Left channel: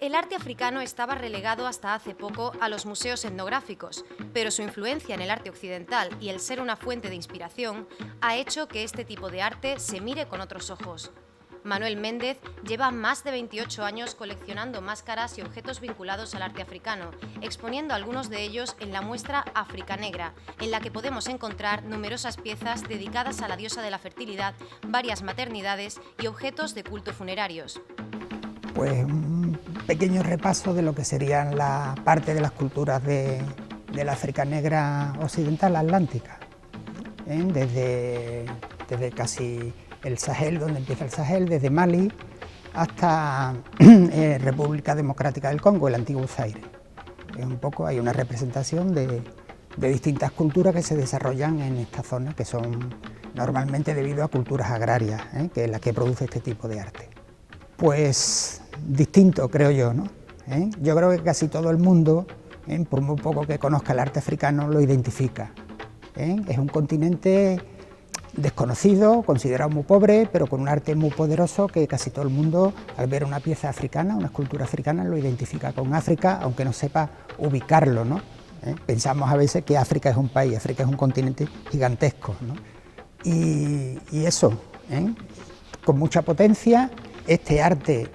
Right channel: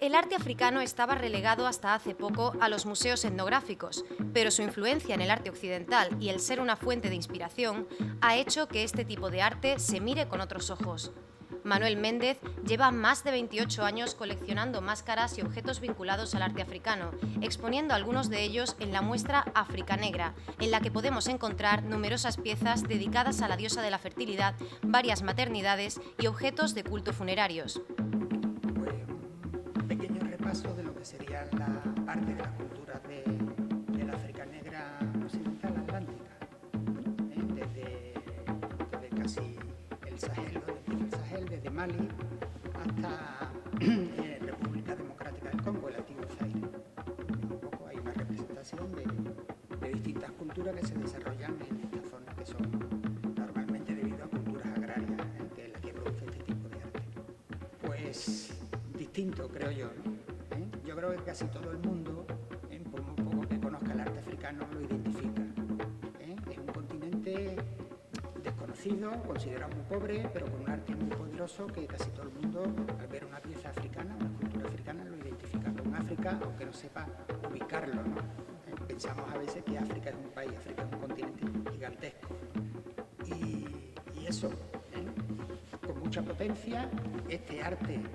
El arte africano estaba relegado hasta hace poco a los museos etnográficos, pero su influencia en el arte occidental y el ser una fuente de inspiración ha hecho que este tipo de arte se mire con otros ojos. Manuel Méndez lleva más de 28 años coleccionando máscaras y objetos vinculados al arte africano, exponiendo algunos de ellos en la muestra África Negra, en la que podemos encontrar numerosas piezas dedicadas a la diosa de la fertilidad, varias maternidades y objetos de culto funerarios. Pues un pequeño repaso de lo que serían la parte de las culturas de la África Negra occidental atlántica, desde casi el Sahel, donde empieza el Sahel, desde Mali hasta República Democrática del Congo, el antiguo Zaire. Un poco hay una representación de distintas culturas que se desarrollan en esta zona, que son normalmente debido a culturas agrarias, que es la que produce este tipo de arte. Pues distinto, creo yo, ¿no? Yo creo que casi todo el mundo, por muy poco que conozca el arte africano, lo identifica. Es un continente desconocido, considerado muy pobre, pero con un arte muy poderoso que casi todo el mundo, al ver una pieza africana, una escultura africana, lo identifica con África, aunque no sepa ubicarlo, ¿no? Pensamos a veces que África es un país, África es un continente gigantesco, ¿no? Y eso, con mucha potencia. Este arte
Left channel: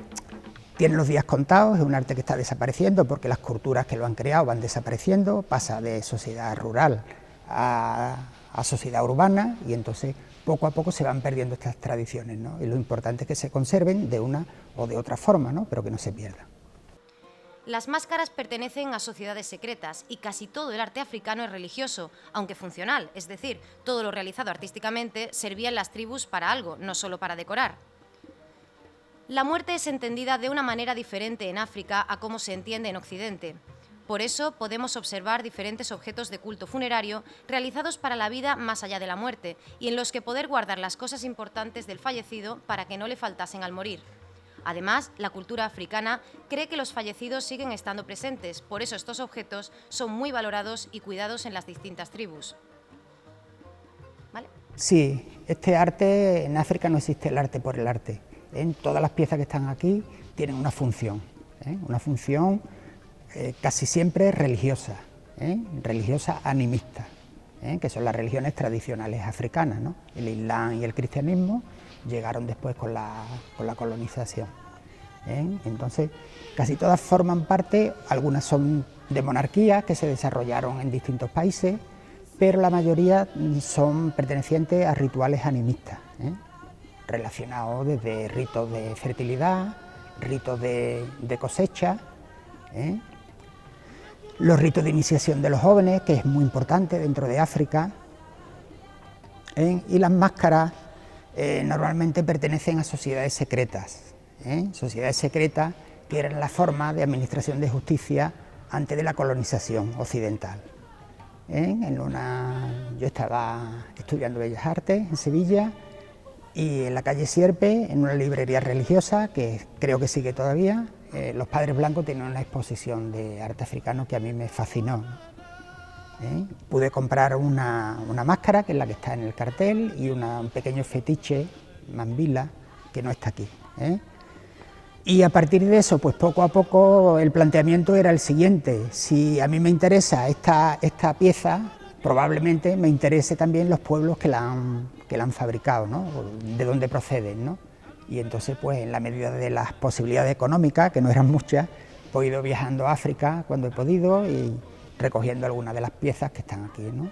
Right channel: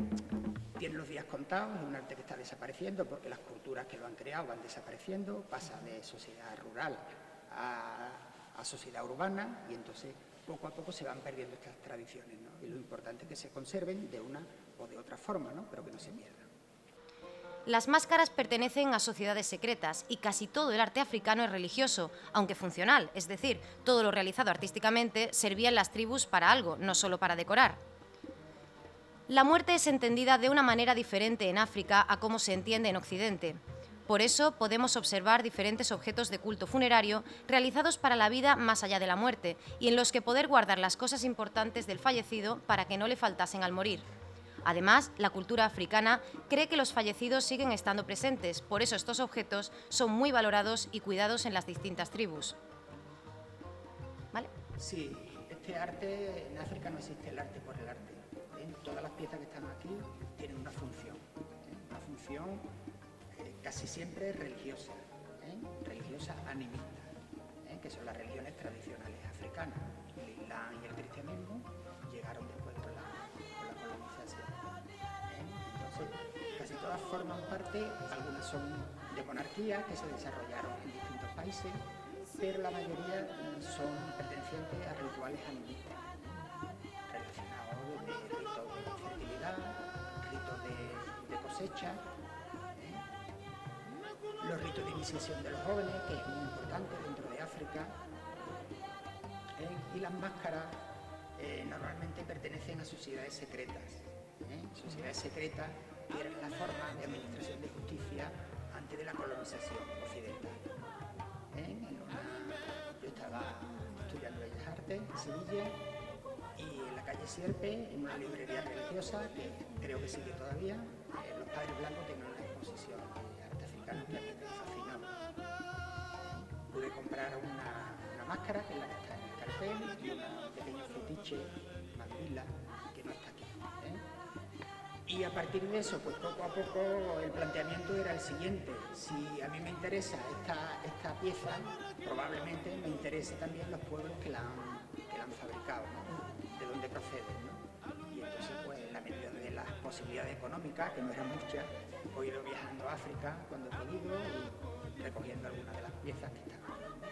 tiene los días contados, es un arte que está desapareciendo porque las culturas que lo han creado van desapareciendo, pasa de sociedad rural a sociedad urbana, y entonces poco a poco se van perdiendo estas tradiciones, ¿no? Y lo importante es que se conserven de una o de otra forma, ¿no? Pero que no se pierdan. Las máscaras pertenecen a sociedades secretas y casi todo el arte africano es religioso, aunque funcional, es decir, todo lo realizado artísticamente servía en las tribus para algo, no solo para decorar. La muerte es entendida de una manera diferente en África a cómo se entiende en Occidente. Por eso podemos observar diferentes objetos de culto funerario realizados para la vida más allá de la muerte y en los que poder guardar las cosas importantes del fallecido para que no le faltasen al morir. Además, la cultura africana cree que los fallecidos siguen estando presentes, por eso estos objetos son muy valorados y cuidados en las distintas tribus. ¿Vale? Sí, este arte, en África no existe el arte por el arte. Todas las piezas que están aquí tienen una función casi siempre religiosa, religiosa animista, que son las religiones tradicionales africanas, ¿no? El Islam y el cristianismo llegaron después con la colonización. Entonces, casi todas forman parte, algunas son de monarquías que se desarrollaron en distintos países, pero la mayoría son pertenecientes a rituales animistas, relacionados desde ritos de fertilidad, ritos de cosecha, los ritos de iniciación de los jóvenes, que es muy importante dentro de África, y las máscaras normalmente pertenecen a sociedades secretas, sociedades secretas que eran la forma de administración de justicia antes de la colonización occidental. Yo estaba estudiando Bellas Artes en Sevilla, y en la calle Sierpe, en una librería religiosa, que creo que sigue todavía, los Padres Blancos tienen una exposición de arte africano que a mí me fascinó. Pude comprar una máscara, que es la que está en el cartel, y un pequeño fetiche, mambila, que no está aquí. Y a partir de eso, pues poco a poco el planteamiento era el siguiente: si a mí me interesa esta pieza, probablemente me interese también los pueblos que la han fabricado, ¿no? De dónde proceden, ¿no? Y entonces, pues en la medida de las posibilidades económicas, que no eran muchas, he ido viajando a África cuando he podido y recogiendo algunas de las piezas que están aquí, ¿no?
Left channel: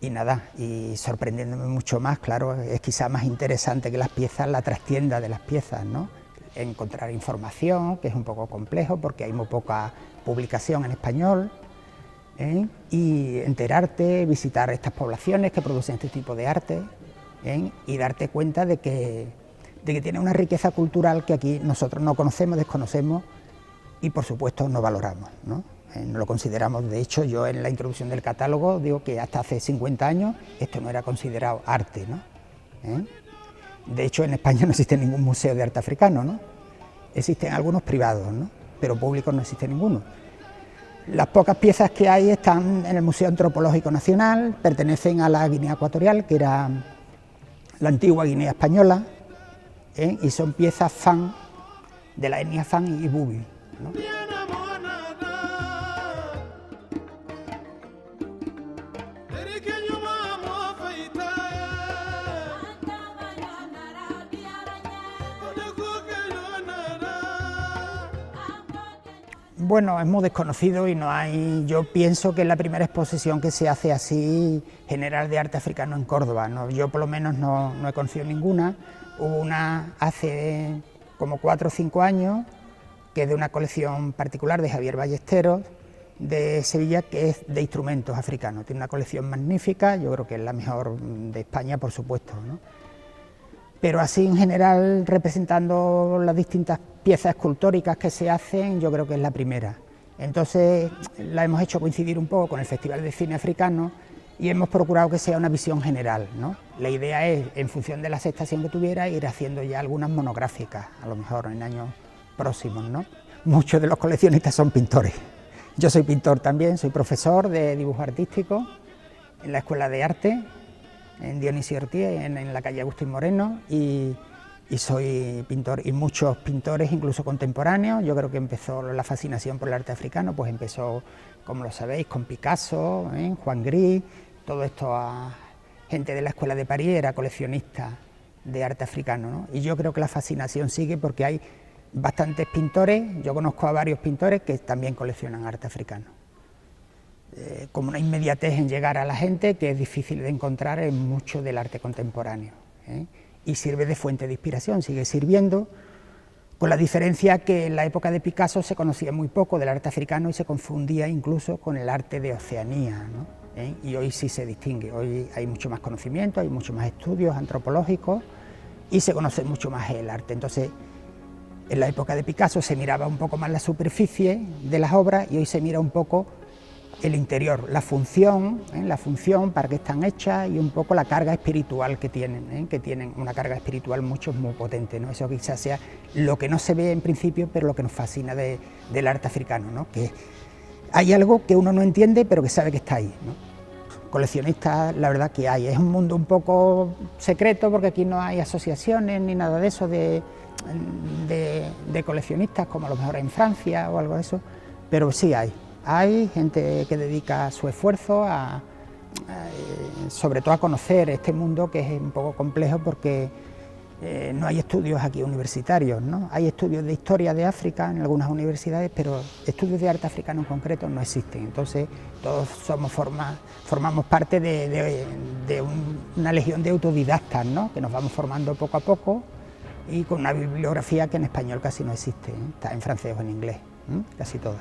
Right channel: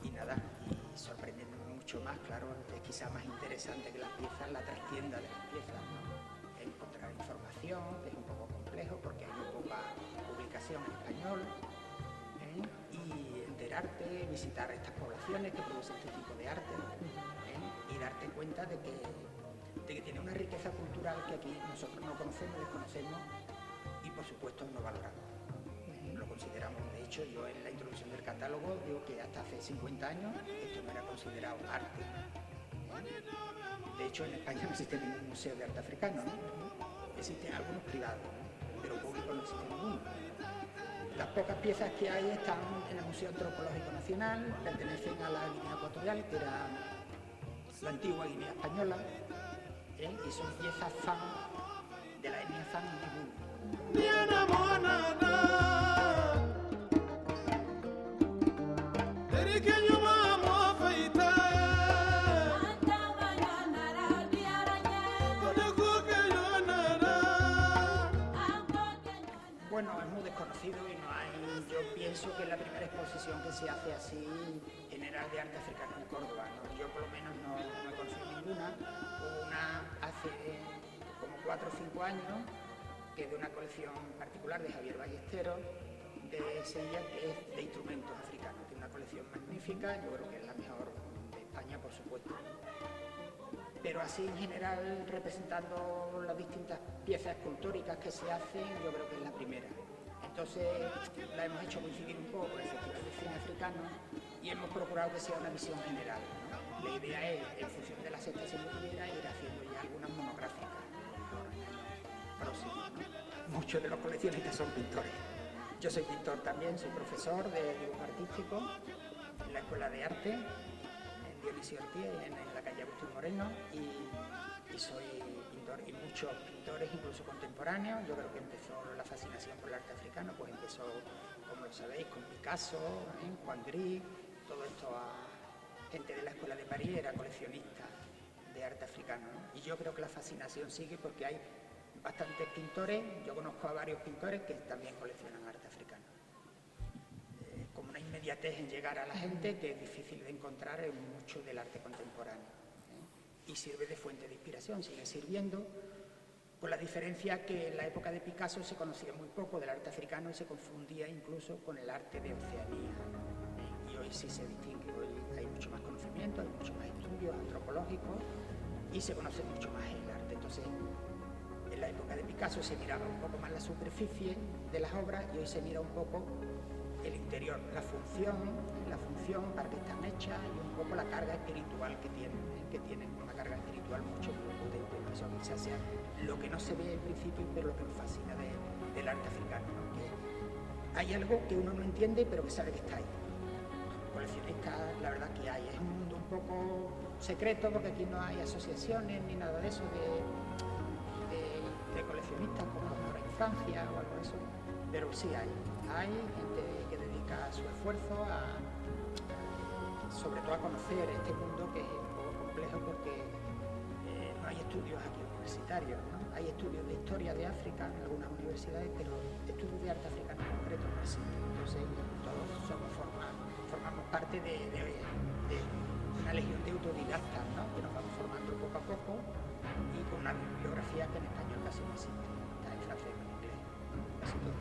Y nada, y sorprendiéndome mucho más, claro, es quizá más interesante que las piezas, la trastienda de las piezas, ¿no? Encontrar información, que es un poco complejo porque hay muy poca publicación en español, y enterarte, visitar estas poblaciones que producen este tipo de arte, y darte cuenta de que tiene una riqueza cultural que aquí nosotros no conocemos, desconocemos y por supuesto no valoramos, ¿no? No lo consideramos. De hecho, yo en la introducción del catálogo digo que hasta hace 50 años esto no era considerado arte, ¿no? De hecho, en España no existe ningún museo de arte africano, ¿no? Existen algunos privados, ¿no? Pero públicos no existe ninguno. Las pocas piezas que hay están en el Museo Antropológico Nacional, pertenecen a la Guinea Ecuatorial, que era la antigua Guinea Española, y son piezas Fan, de la etnia Fan y Bubi, ¿no? Bueno, es muy desconocido y no hay, yo pienso que es la primera exposición que se hace así general de arte africano en Córdoba, ¿no? Yo por lo menos no he conocido ninguna. Hubo una hace como 4 o 5 años, que es de una colección particular de Javier Ballesteros, de Sevilla, que es de instrumentos africanos. Tiene una colección magnífica, yo creo que es la mejor de España, por supuesto, ¿no? Pero así en general, representando las distintas piezas escultóricas que se hacen, yo creo que es la primera. Entonces la hemos hecho coincidir un poco con el Festival de Cine Africano y hemos procurado que sea una visión general, ¿no? La idea es, en función de la aceptación que tuviera, ir haciendo ya algunas monográficas, a lo mejor en años próximos, ¿no? Muchos de los coleccionistas son pintores. Yo soy pintor también, soy profesor de dibujo artístico en la Escuela de Arte, en Dionisio Ortiz, en la calle Agustín Moreno, y soy pintor, y muchos pintores, incluso contemporáneos. Yo creo que empezó la fascinación por el arte africano, pues empezó, como lo sabéis, con Picasso, Juan Gris, todo esto a gente de la Escuela de París, era coleccionista de arte africano, ¿no? Y yo creo que la fascinación sigue porque hay bastantes pintores, yo conozco a varios pintores que también coleccionan arte africano. Como una inmediatez en llegar a la gente que es difícil de encontrar en mucho del arte contemporáneo, y sirve de fuente de inspiración, sigue sirviendo, con la diferencia que en la época de Picasso se conocía muy poco del arte africano y se confundía incluso con el arte de Oceanía, ¿no? Y hoy sí se distingue, hoy hay mucho más conocimiento, hay mucho más estudios antropológicos y se conoce mucho más el arte. Entonces, en la época de Picasso se miraba un poco más la superficie de las obras y hoy se mira un poco el interior, la función para qué están hechas y un poco la carga espiritual que tienen una carga espiritual muy potente, ¿no? Eso quizás sea lo que no se ve en principio, pero lo que nos fascina del arte africano, ¿no? Que hay algo que uno no entiende, pero que sabe que está ahí, ¿no? Coleccionistas, la verdad que hay, es un mundo un poco secreto, porque aquí no hay asociaciones ni nada de eso de coleccionistas, como a lo mejor en Francia o algo de eso, pero sí hay gente que dedica su esfuerzo sobre todo a conocer este mundo, que es un poco complejo porque no hay estudios aquí universitarios, ¿no? Hay estudios de historia de África en algunas universidades, pero estudios de arte africano en concreto no existen. Entonces todos formamos parte de una legión de autodidactas, ¿no? Que nos vamos formando poco a poco y con una bibliografía que en español casi no existe, Está en francés o en inglés, casi toda.